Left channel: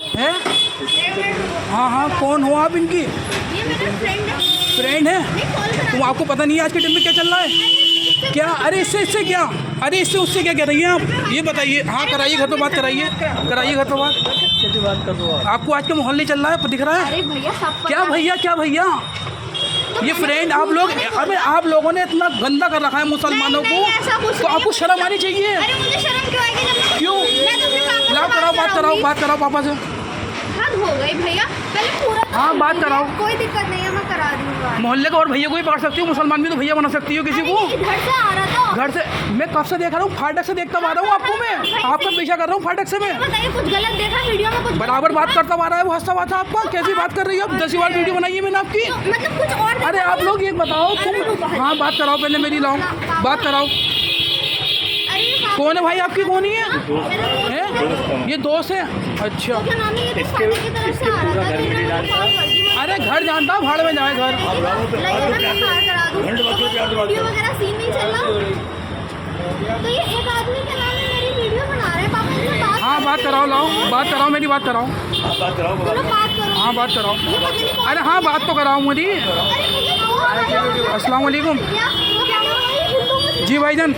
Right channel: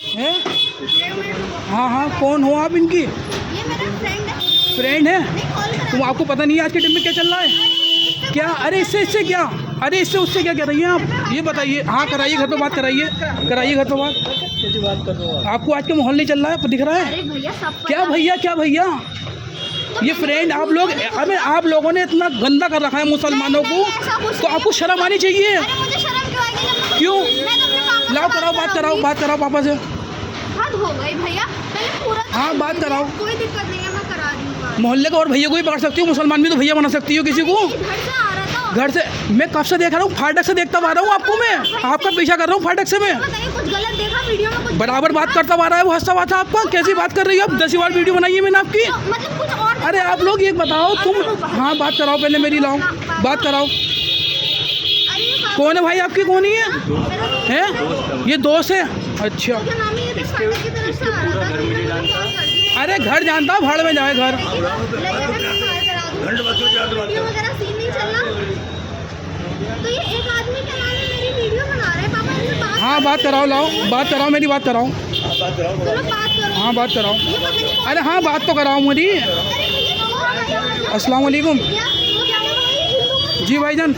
है? हाँ हाँ, कौन हो आप इनकी? ये मेरा फ्रेंड है। फ्रेंड है? नहीं, कॉल करा। तुम, आपको पता नहीं है आज के टाइम में क्या चल रहा है? क्या? अरे इससे क्या? अरे इससे उससे क्या कह रही हैं आप? ये बताइए। हाँ कराइए, घर पे बात कराइए, कराइए घर पे बात। आपको आज के माहौल नहीं चल रहा है, दिख रहा है? अरे भैया सब क्या भैया, क्या भैया? ये फ्रेंड आप लोग, अबे आप लोगों ने इतना गंदा कर रखा है मुसलमानों को, तो आपको शर्म आनी चाहिए। अरे मुझे शर्म क्यों आएगी जब क्यों? मैं तो अपने पापा से लाओ कराओ, बात कराओ पापा से। हद हो गई भैया, पहले पूरा तो हाँ, बात कराओ। कोई दिक्कत नहीं है, मैं करा रही हूँ बात। मोहल्ले का और भैया को ही पकड़ सकती हो, मुसलमान भी तो भैया बना सकती हो किसी को। इधर से आ रहा था। घर से मैं कब से देख रहा हूँ, फाटक से देखता आ रहा हूँ आपको, मैं आपका पीछा कर रहा हूँ फाटक से। मैं बताइए कुछ गलत देखा वीडियो में? कुछ बराबर बात करता आ रहा है, वो हंसता हुआ था आपका। कैसी बात कर रही है आप? 10 बार वीडियो बनाई है मैंने आपकी। मतलब कुछ और? अरे आप लोग ये बताओ तुम। हाँ बात कराओ पहले मेरी, लाओ बात कराओ। अरे हाँ, कौन है भाई आपकी? कौन ही है? मेरा हैं? ये दोस्त है? अच्छा। क्या नाम है? ये तो फाटक की तरफ से आ रहा था, तो मैंने कॉल कर दी। अरे घर जानता, भाड़ में जाए घर। लगे ना, मैं पार करा दूँ। वीडियो वगैरह सीन नहीं चल रहा। तो ये एक आदमी क्या नाम है मेरी वीडियो बना रहे हैं, पापा इनसे बात। हाँ बात कराओ, लाओ बात कराओ, मेरी बात कराओ। चलो बात करो। हाँ बात कराओ। ये पता नहीं कौन। अरे हाँ बात तो कराओ मेरी। अरे भैया कौन है? अस्सलाम वालेकुम। क्या? वो क्या नाम है? जी भाईजान,